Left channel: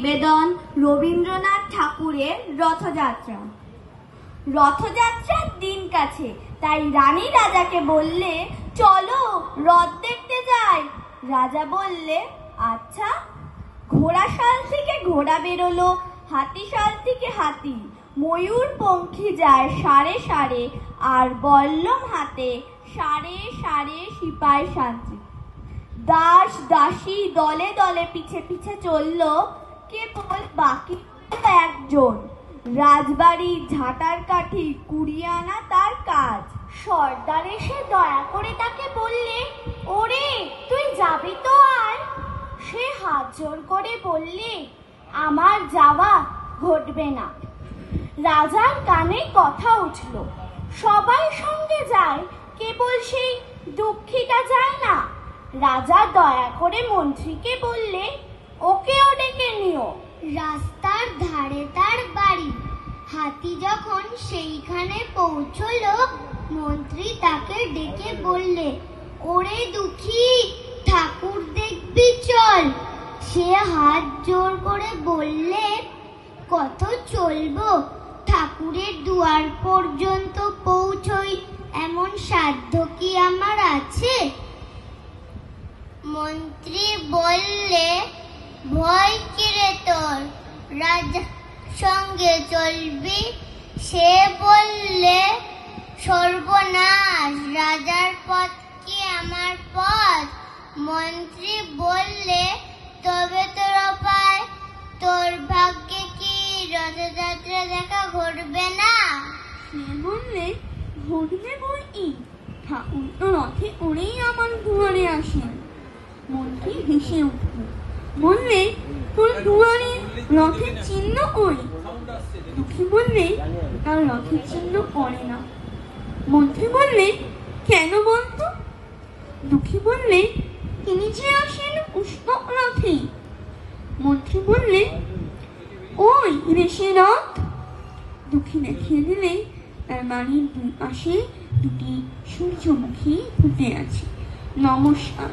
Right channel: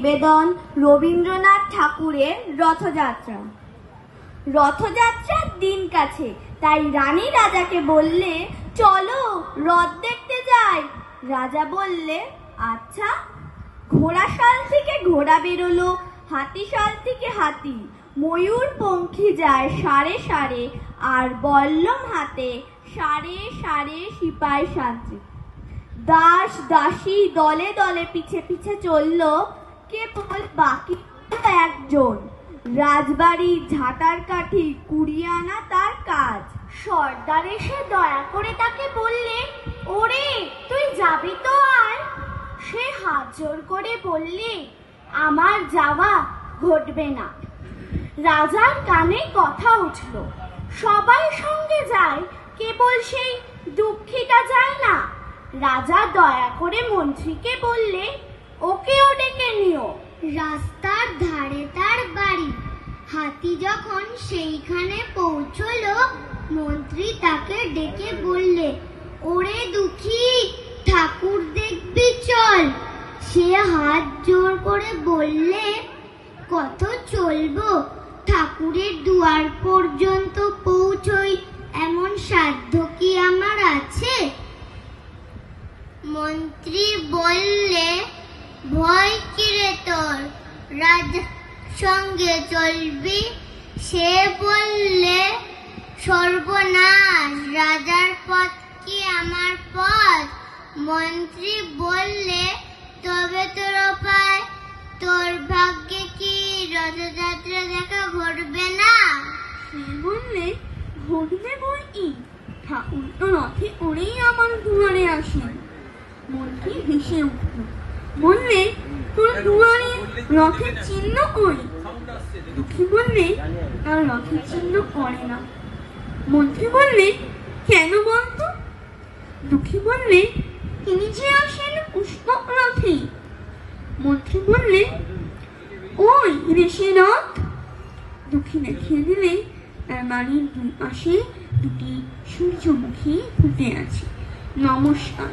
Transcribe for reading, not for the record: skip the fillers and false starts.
নিবেদন রবীন্দ্রনাথ ঠাকুরের রথযাত্রা। রথযাত্রার দিন কাছে, তাই রানী রাজাকে বললে, চলো রথ দেখতে যাই। রাজা বললে, আচ্ছা। ঘোড়াশাল থেকে ঘোড়া বেরোলো, হাতিশাল থেকে হাতি, ময়ূর পঙ্খী যায় সারে সারে, আর বল্লম হাতে সারে সারে সিপাই সাজে। দাস দাসী দলে দলে পিছে পিছে চলল, কেবল বাকি একজন, রাজবাড়ির ঝাঁটার কাঠি কুড়িয়ে আনা তার কাজ। সর্দার এসে দয়া করে তাকে বললে, ওরে তুই যাবি তো আয়। সে হাত জোর করে বললে, আমার যাওয়া ঘটবে না। রাজার কানে কথা উঠল, সবাই সঙ্গে যায়, কেবল সেই দুঃখীটা যায় না। রাজা দয়া করে মন্ত্রীকে বললে, ওকেও ডেকে নিও। রাস্তার ধারে তার বাড়ি। হাতি যখন সেইখানে পৌঁছলো, মন্ত্রী তাকে ডেকে বললে, ওরে দুঃখী, ঠাকুর দেখবি চল। সে হাত জোর করে বললে, কত চলবো, ঠাকুরের দুয়ার পর্যন্ত পৌঁছই এমন সাধ্য কি আমার আছে? মন্ত্রী বললে, ভয় কিরে তোর, রাজার সঙ্গে চলবি? সে বললে, সর্বনাশ, রাজার পথ কি আমার পথ? মন্ত্রী বললে, তবে তোর উপায়, তোর ভাগ্যে কি রথযাত্রা দেখা ঘটবে না? বললে, ঘটবে বই, ঠাকুর তো রথে করেই আমার দুয়ারে আসেন। মন্ত্রী হেসে উঠল, বললে, তোর দুয়ারে রথের চিহ্ন কই? দুঃখী বললে, তার রথের চিহ্ন করে না। মন্ত্রী বললে, কেন বলতো? দুঃখী বললে, তিনি যে আসেন পুষ্পক রথে। মন্ত্রী বললে, ওই রেশে রথ। দুঃখী দেখিয়ে দিলে, তার বাড়ির দুই পাশে দুটি সূর্যমুখী ফুটে আছে। নমস্কার।